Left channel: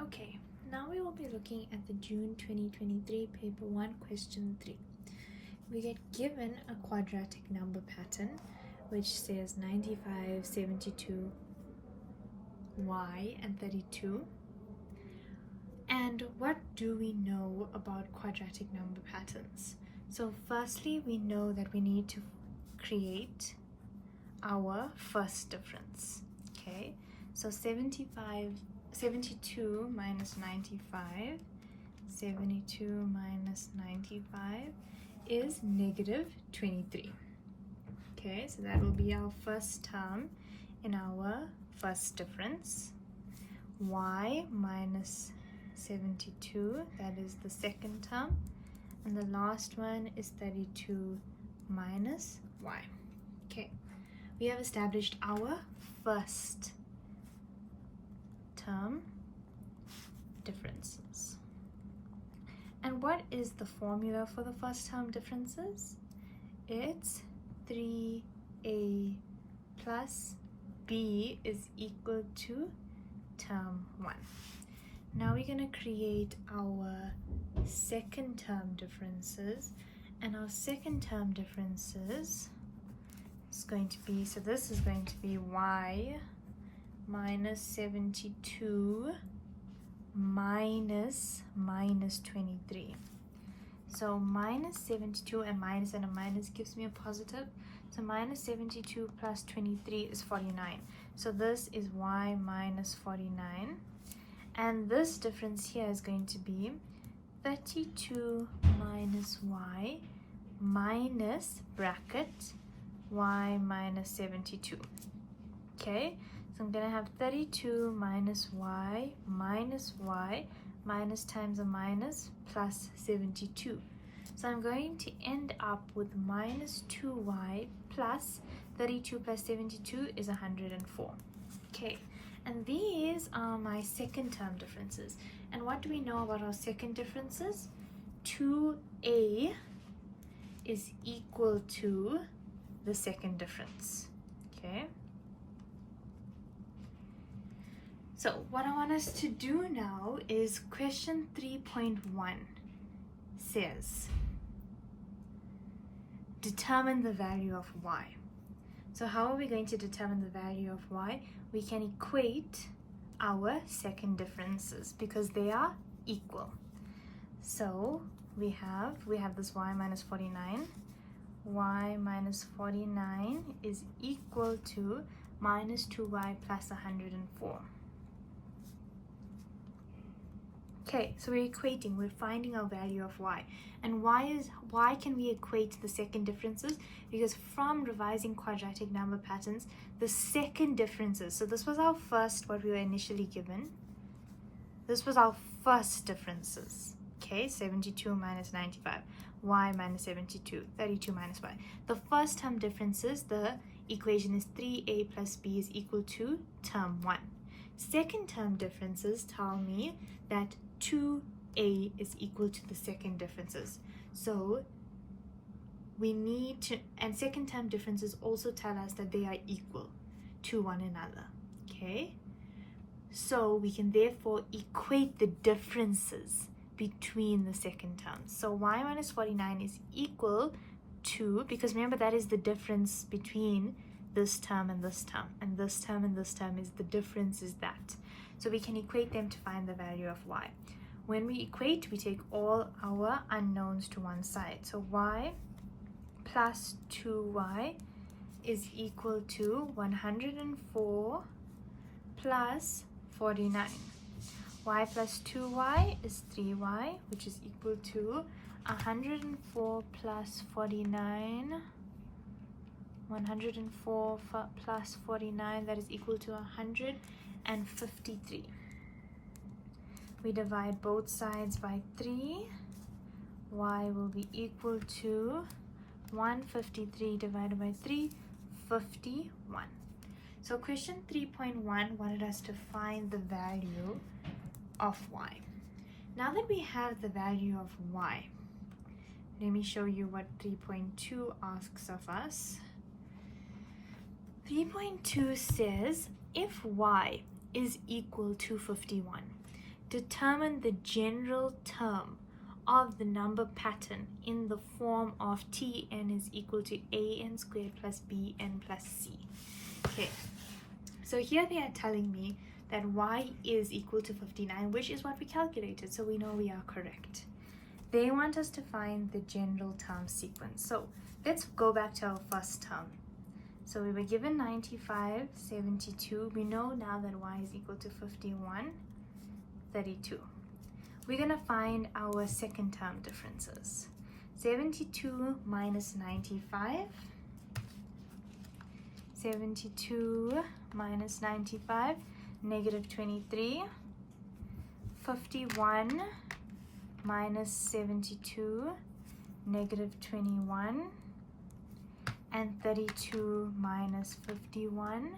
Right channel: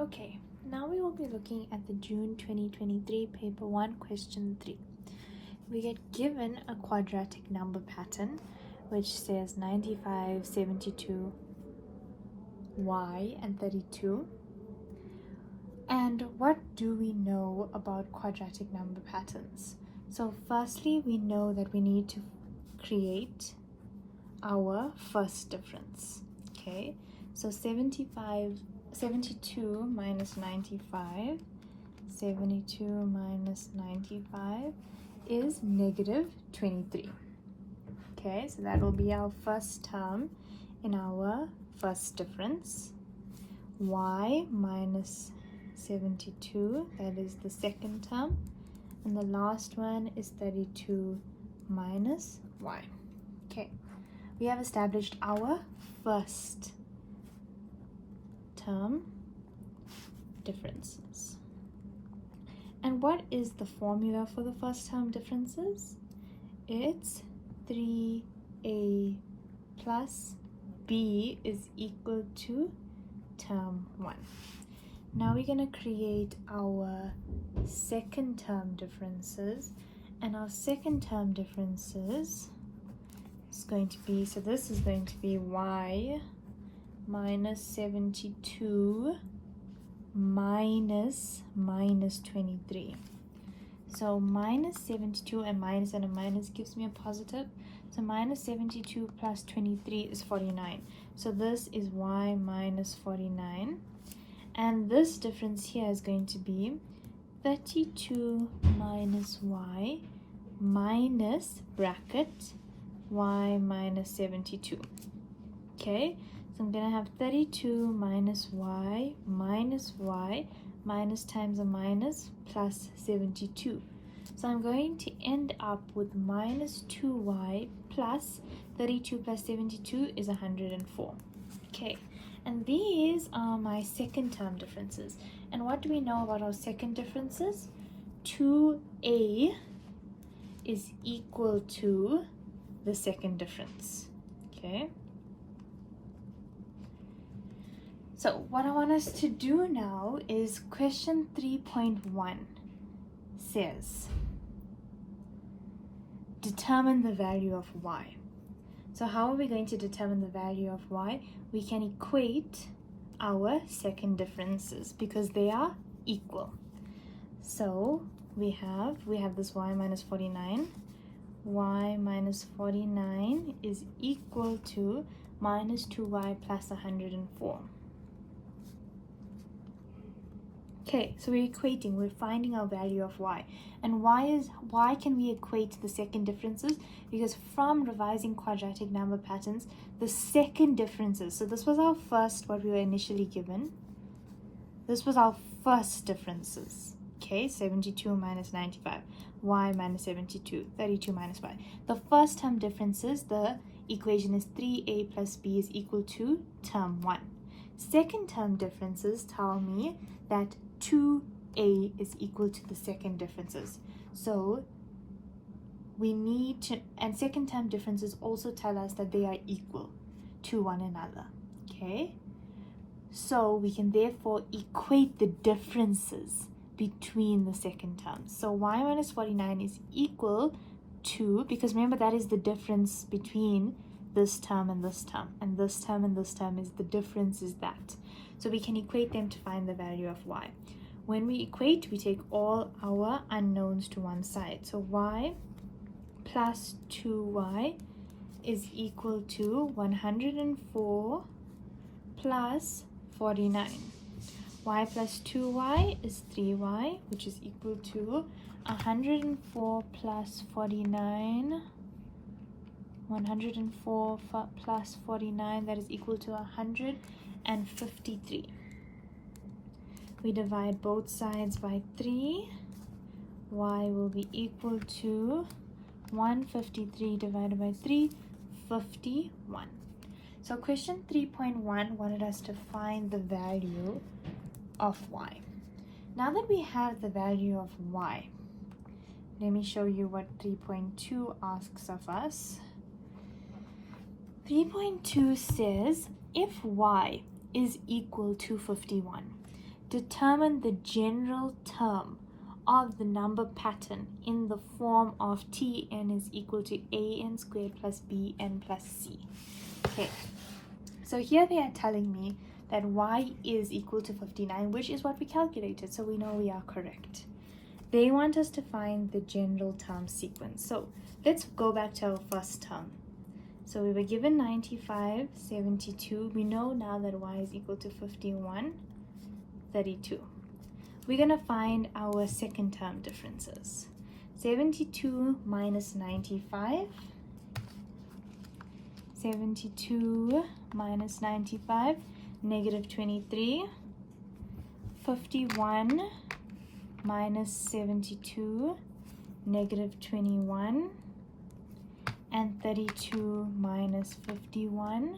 Okay, now we will be looking at the June 2023 paper 1 question 3. We get given a quadratic number pattern which says 95, 72, y and 32. And what do we know about quadratic number patterns? So firstly, we know that we need to create our first difference. Okay, so 72 minus 95, 72 minus 95 is negative 23. Okay, so that will be our first term in our first difference. Y minus 72, that is the second term, and the last one is 32 minus y. Okay, we have established our first term differences. And what is the formula for the first term differences? It's 3a plus b is equal to term 1. Now we're going to create our second term differences, and our second term differences is going to be, so this is going to be y minus 72 minus 23. So minus 72 and a minus gives me a positive. So minus 72 plus 23 is 49. So this is y minus 49. And this difference here is going to be 32 minus y minus bracket y minus 72. Okay, so I'm going to have 32 minus y minus times a minus plus 72. So I'm going to end up with minus 2y plus 32 plus 72 is 104. Okay, and these are my second term differences. And what do we know about our second differences? 2a is equal to the second difference. Okay, so what I want us to do now is question 3.1 says determine the value of y. So how are we going to determine the value of y? We can equate our second differences because they are equal. So we have this y minus 49. Y minus 49 is equal to minus 2y plus 104. Okay, so we're equating, we're finding our value of y. And why can we equate the second differences? Because from revising quadratic number patterns, the second differences, so this was our first, what we were initially given. This was our first differences. Okay, 72 minus 95, y minus 72, 32 minus y. The first term differences, the equation is 3a plus b is equal to term 1. Second term differences tell me that 2a is equal to the second differences. So we need to, and second term differences also tell us that they are equal to one another. Okay, so we can therefore equate the differences between the second terms. So y minus 49 is equal to, because remember that is the difference between this term and this term, and this term and this term is the difference is that. So we can equate them to find the value of y. When we equate, we take all our unknowns to one side. So y plus 2y is equal to 104 plus 49. Y plus 2y is 3y, which is equal to 104 plus 49. 104 plus 49, that is equal to 153. We divide both sides by 3. Y will be equal to 153 divided by 3, 51. So question 3.1 wanted us to find the value of y. Now that we have the value of y, let me show you what 3.2 asks of us. 3.2 says if y is equal to 51, determine the general term of the number pattern in the form of Tn is equal to an squared plus bn plus c. Okay, so here they are telling me that y is equal to 59, which is what we calculated, so we know we are correct. They want us to find the general term sequence. So let's go back to our first term. So we were given 95, 72. We know now that y is equal to 51, 32. We're going to find our second term differences. 72 minus 95. 72 minus 95, negative 23. 51 minus 72, negative 21. And 32 minus 51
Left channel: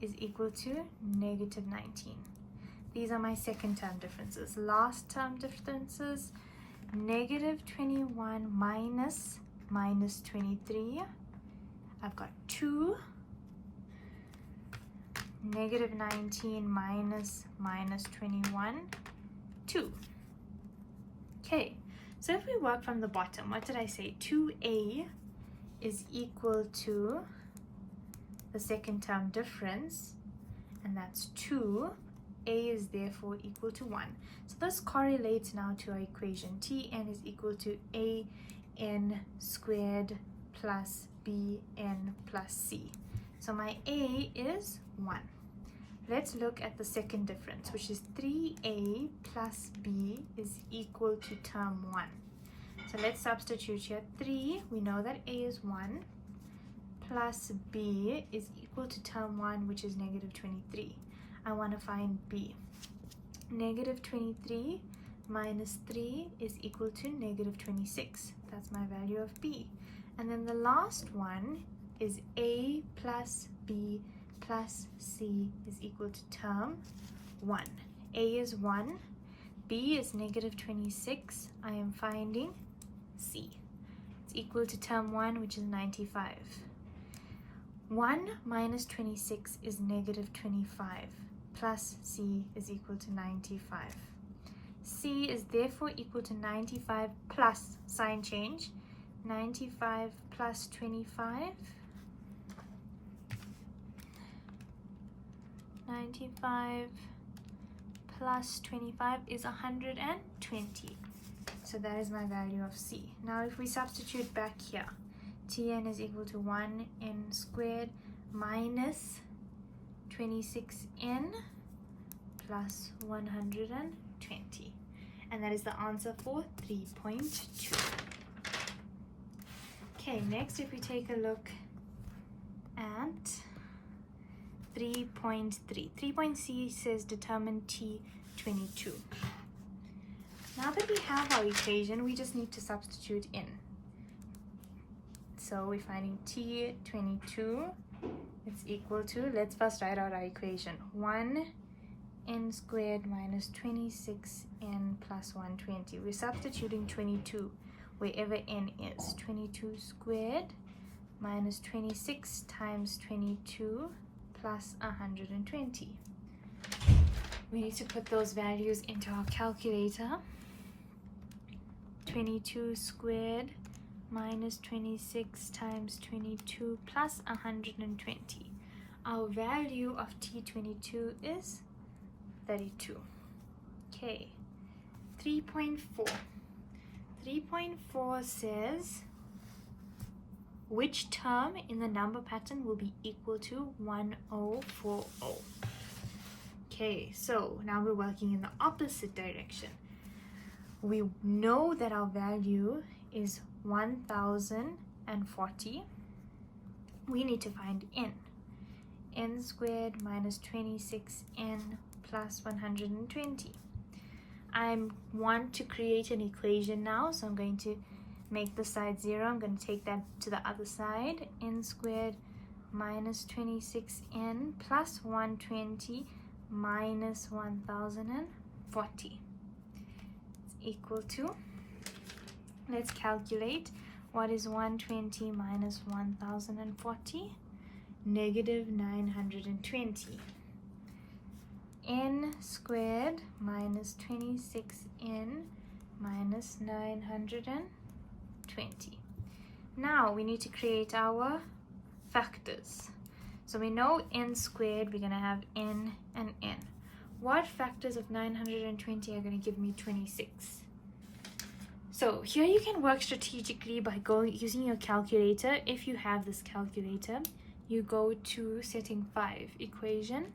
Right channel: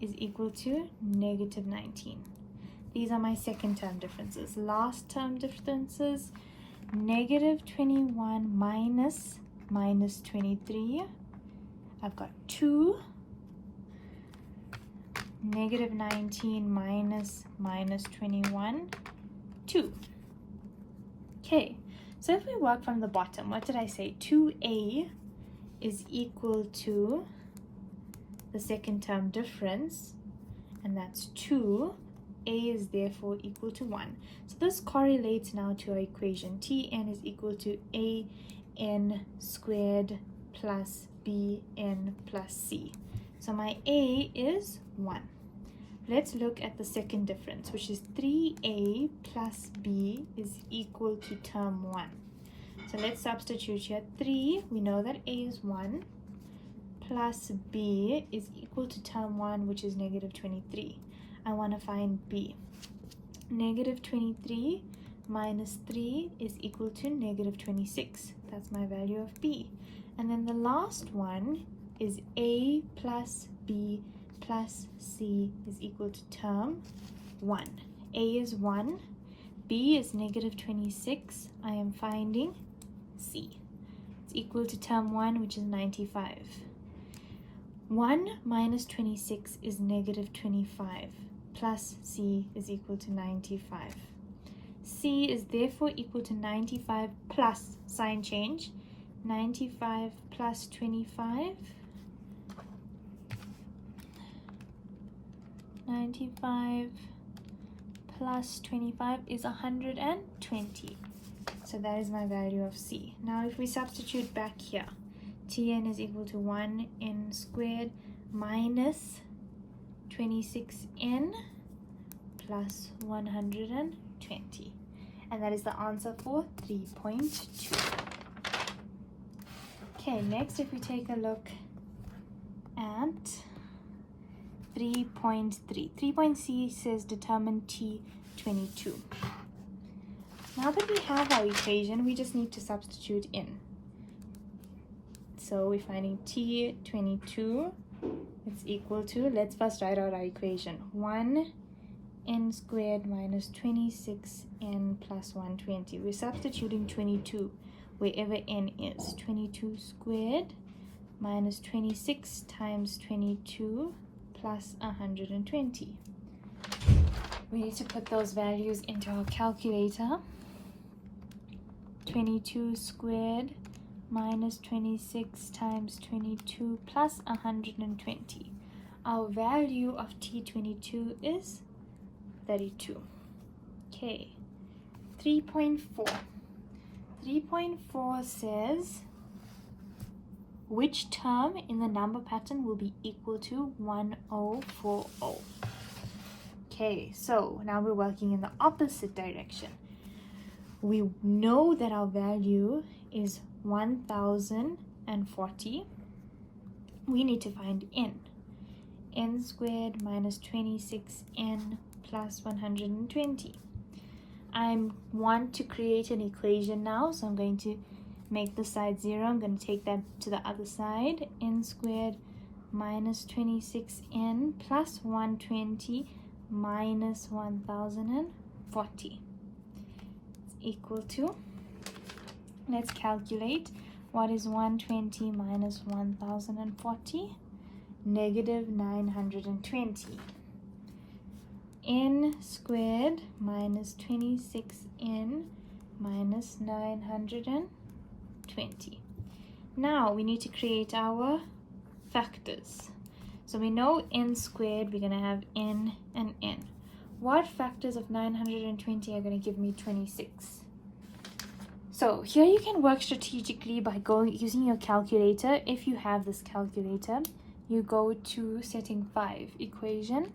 is equal to negative 19. These are my second term differences. Last term differences, negative 21 minus 23. I've got 2. Negative 19 minus 21, 2. Okay, so if we work from the bottom, what did I say? 2a is equal to the second term difference, and that's 2. A is therefore equal to 1. So this correlates now to our equation. Tn is equal to an squared plus bn plus c. So my a is 1. Let's look at the second difference, which is 3a plus b is equal to term 1. So let's substitute here. 3, we know that a is 1, plus b is equal to term 1, which is negative 23. I want to find b. Negative 23 minus 3 is equal to negative 26. That's my value of b. And then the last one is a plus b plus c is equal to term 1. A is 1, b is negative 26. I am finding c. It's equal to term 1, which is 95. 1 minus 26 is negative 25. Plus c is equal to 95. C is therefore equal to 95 plus sign change. 95 plus 25. 95 plus 25 is 120. So that is my value of c. Now if we substitute back here, Tn is equal to 1n squared minus 26n plus 120, and that is the answer for 3.2. Okay, next if we take a look at 3.3. 3.c says determine T22. Now that we have our equation, we just need to substitute in. So we're finding T22 is equal to, let's first write out our equation, 1n squared minus 26n plus 120. We're substituting 22 wherever n is. 22 squared minus 26 times 22 plus 120. We need to put those values into our calculator. 22 squared minus 26 times 22 plus 120. Our value of T22 is 32. Okay, 3.4. 3.4 says which term in the number pattern will be equal to 1040. Okay, so now we're working in the opposite direction. We know that our value is 1040. We need to find n. N squared minus 26n plus 120. I want to create an equation now, so I'm going to make the side 0. I'm going to take that to the other side. N squared minus 26n plus 120 minus 1040 is equal to, let's calculate, what is 120 minus 1040? Negative 920. n squared minus 26n minus 920. Now we need to create our factors. So we know n squared, we're going to have n and n. What factors of 920 are going to give me 26? So here you can work strategically by using your calculator. If you have this calculator, you go to setting 5 equation.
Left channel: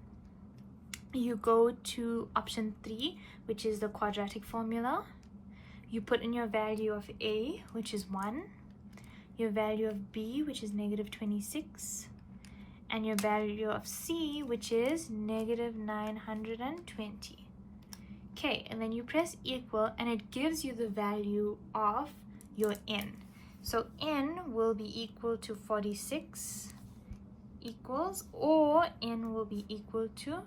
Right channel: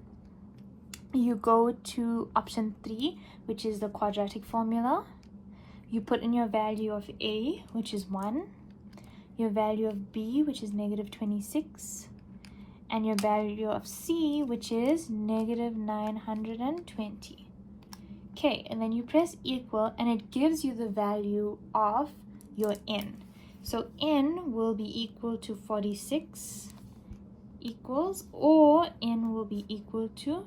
You go to option 3, which is the quadratic formula. You put in your value of a, which is 1, your value of b, which is negative 26, and your value of c, which is negative 920. Okay, and then you press equal, and it gives you the value of your n. So n will be equal to 46 equals, or n will be equal to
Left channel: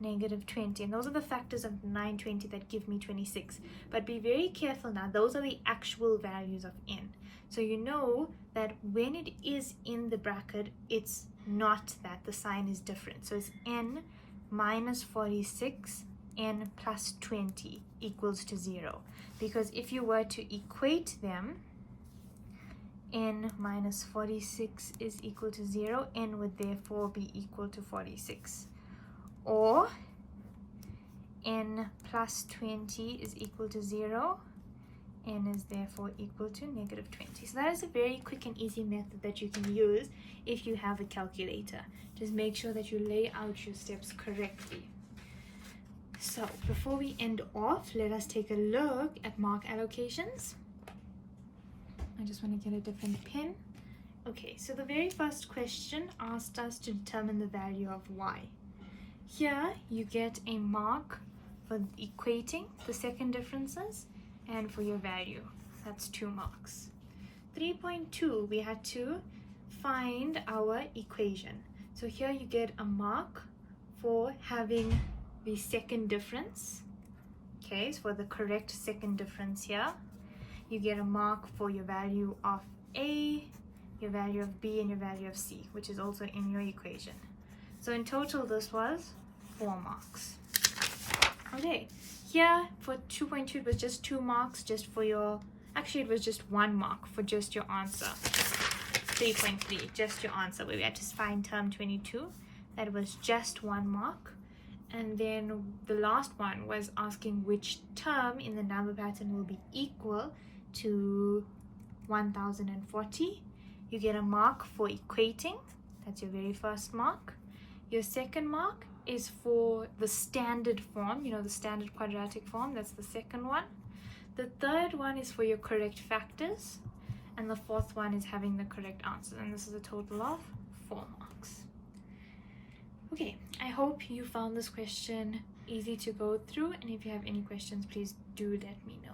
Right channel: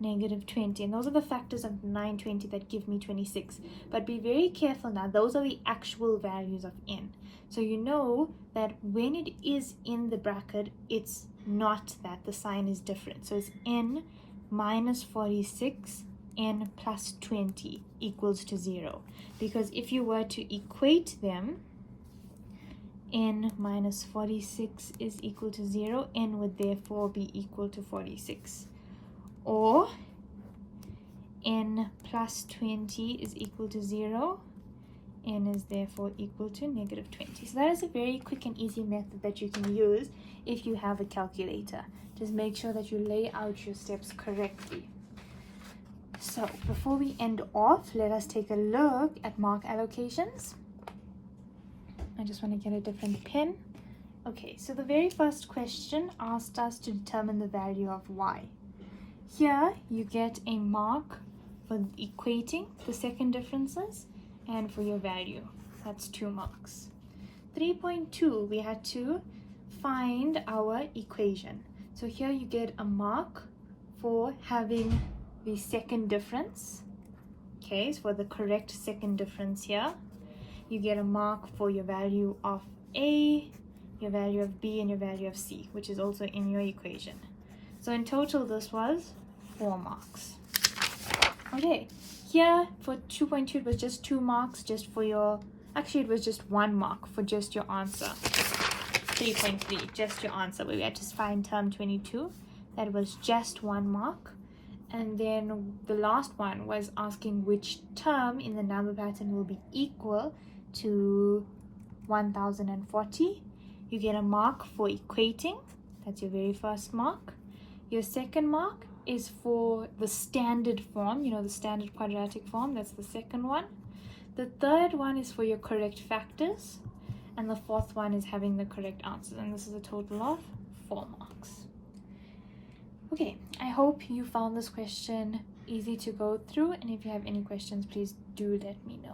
negative 20. And those are the factors of 920 that give me 26. But be very careful now, those are the actual values of n. So you know that when it is in the bracket, it's not that, the sign is different. So it's n minus 46, n plus 20 equals to 0. Because if you were to equate them, n minus 46 is equal to 0, n would therefore be equal to 46. Or n plus 20 is equal to 0, n is therefore equal to negative 20. So that is a very quick and easy method that you can use if you have a calculator. Just make sure that you lay out your steps correctly. So before we end off, let us take a look at mark allocations. I just want to get a different pen. Okay, so the very first question asked us to determine the value of y. Here you get a mark for equating the second differences and for your value. That's 2 marks. 3.2, we had to find our equation. So here you get a mark for having the second difference. Okay, so for the correct second difference here. You get a mark for your value of a, your value of b, and your value of c, which is also in your equation. So in total, this was 4 marks. Okay, here for 2.2, it was just 2 marks just for your, actually it was just 1 mark for just your answer. 3.3, just your answer, where we had to find term 22. That was just 1 mark. And then the last one was asking which term in the number pattern will be equal to 1040. You get a mark for equating. That's your very first mark. Your second mark is for the standard form, you know, the standard quadratic form. That's the second one. The third one is for your correct factors. And the fourth one is having the correct answers. And this is a total of 4 marks. Okay, I hope you found this question easy to go through. And if you have any questions, please do let me know.